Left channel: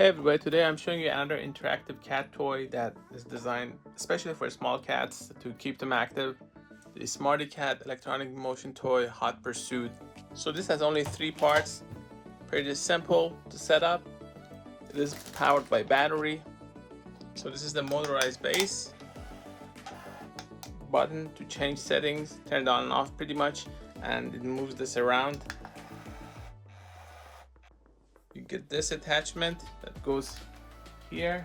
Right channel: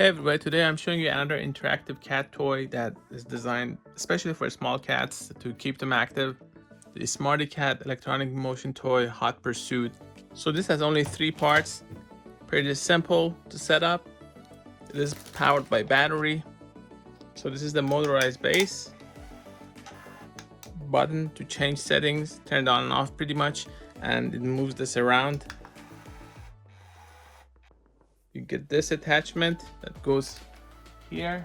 Hey everybody, today I'm showing you another interactive cat toy that is designed especially for small cats to keep them active. The Smarty Cat electronic motion toy Hot Pursuit. So this has only 3 parts, pretty simple to set up. It is powered by battery. So this is the motorized base. Button to change settings, turn it on and off pretty much, and it moves this around. You get this attachment that goes here,